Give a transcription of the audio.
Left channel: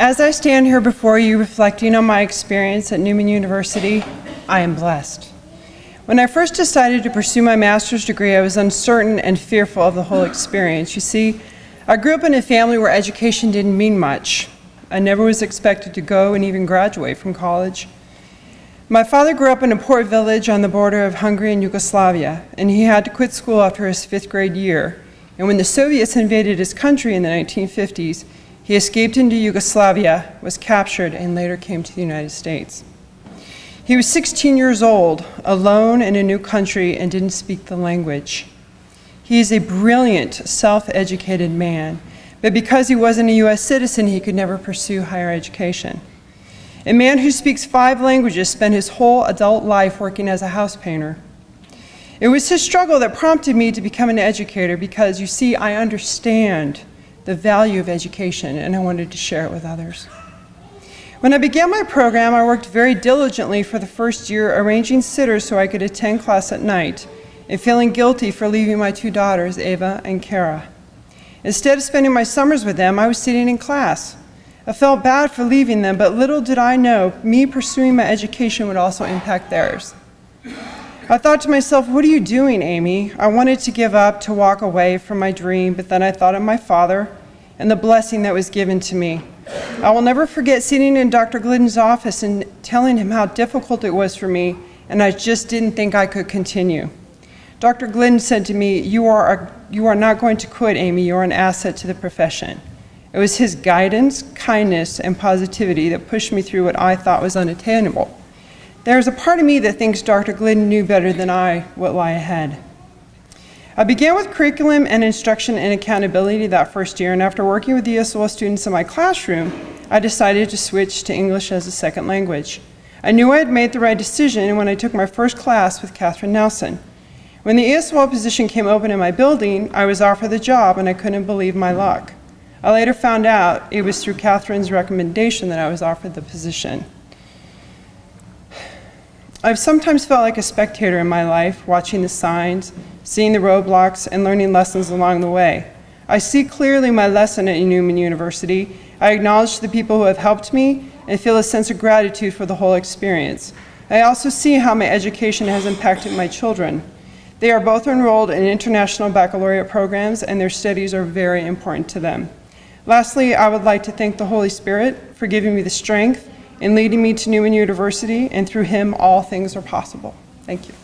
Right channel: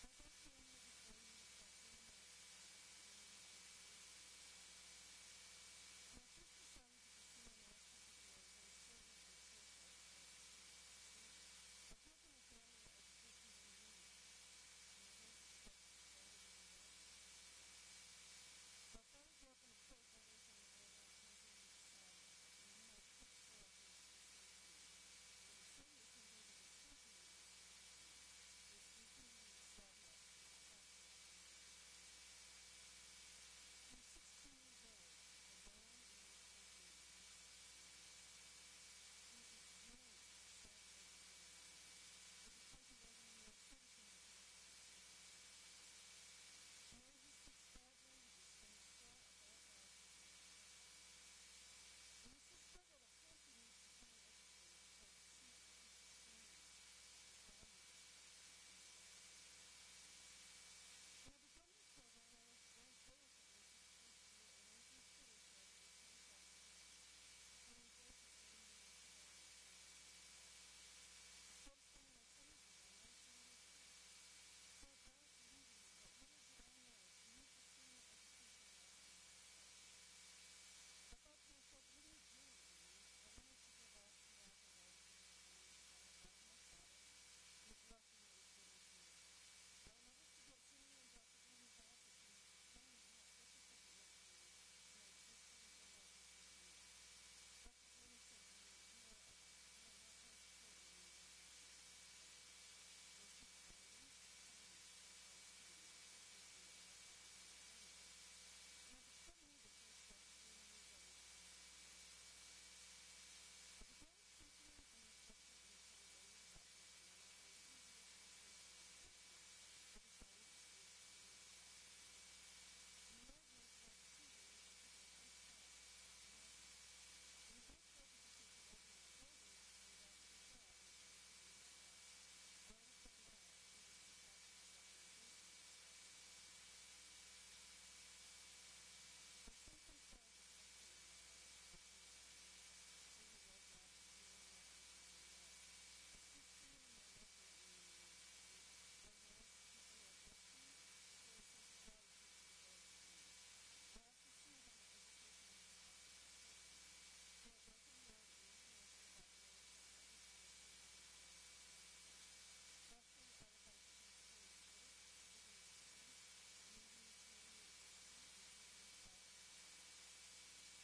As I stand here before you reflecting on my experience at Newman University, I am blessed. When I first decided to pursue my master's degree, I was uncertain and fearful of the whole experience. You see, I grew up in a family where education didn't mean much. I never was expected to go and even graduate from college. My father grew up in a poor village on the border of Hungary and Yugoslavia, and he had to quit school after his 5th grade year. And when the Soviets invaded his country in the 1950s, he escaped into Yugoslavia, was captured, and later came to the United States. He was 16 years old, alone in a new country, and didn't speak the language. He is a brilliant, self-educated man, but because he wasn't a U.S. citizen, he could never pursue higher education. A man who speaks 5 languages spent his whole adult life working as a house painter. It was his struggle that prompted me to become an educator because, you see, I understand the value of education, and I wanted to share it with others. When I began my program, I worked very diligently for the first year arranging sitters so I could attend class at night, and feeling guilty for leaving my 2 daughters, Ava and Kara. Instead of spending my summers with them, I was sitting in class. I felt bad for leaving them, but little did I know, me pursuing my education would also impact theirs. I thought to myself, what are you doing, Amy? I wanted to give up, to walk away from my dream, but then I thought of my father and the blessing that was given to me. I will never forget sitting in Dr. Glidden's office and telling him how difficult it was for me, and I just didn't think I could continue. Dr. Glidden said to me, you are not going to quit, Amy. You are an asset to the profession. It was his guidance, kindness, and positivity that pushed me through what I thought was unattainable. There is a part of me that thinks Dr. Glidden knew better than I what lay ahead. I began with curriculum and instruction and accountability that first year, and after working with ESOL students in my classroom, I decided to switch to English as a second language. I knew I had made the right decision when I took my first class with Catherine Nelson. When the ESOL position came open in my building, I was offered the job, and I couldn't believe my luck. I later found out it was through Catherine's recommendation that I was offered the position. I've sometimes felt like a spectator in my life, watching the signs, seeing the roadblocks, and learning lessons along the way. I see clearly my lesson at Newman University. I acknowledge the people who have helped me and feel a sense of gratitude for the whole experience. I also see how my education has impacted my children. They are both enrolled in international baccalaureate programs, and their studies are very important to them. Lastly, I would like to thank the Holy Spirit for giving me the strength and leading me to Newman University, and through him, all things are possible. Thank you.